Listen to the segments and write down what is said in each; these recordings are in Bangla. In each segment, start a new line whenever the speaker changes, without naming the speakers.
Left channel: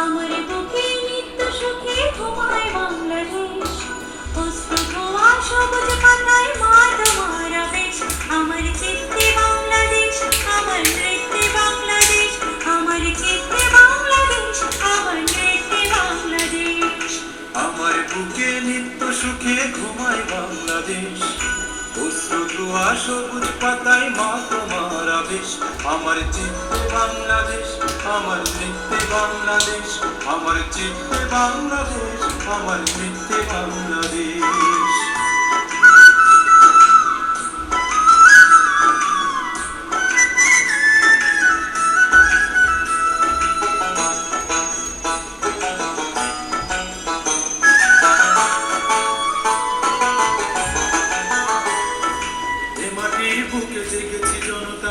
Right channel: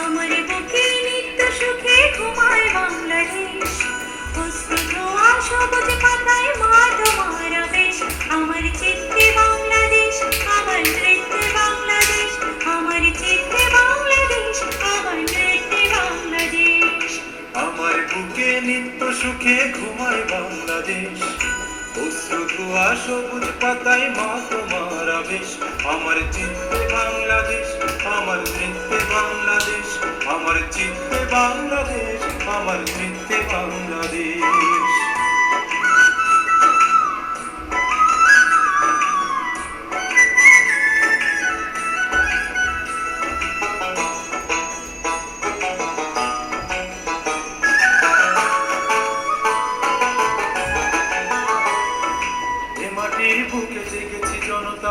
আমার বুকে নিত্য সুখে ঘুমায় বাংলাদেশ। নিত্য
সুখে ঘুমায় বাংলাদেশ। অশ্রুয়া সবুজ পাতায় মা তোমার আবেশ। আমার চিত্তে বাংলাদেশ, আমার চিত্তে বাংলাদেশ। আমার চিত্তে বাংলাদেশ, আমার চিত্তে বাংলাদেশ।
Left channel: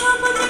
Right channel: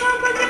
看不见。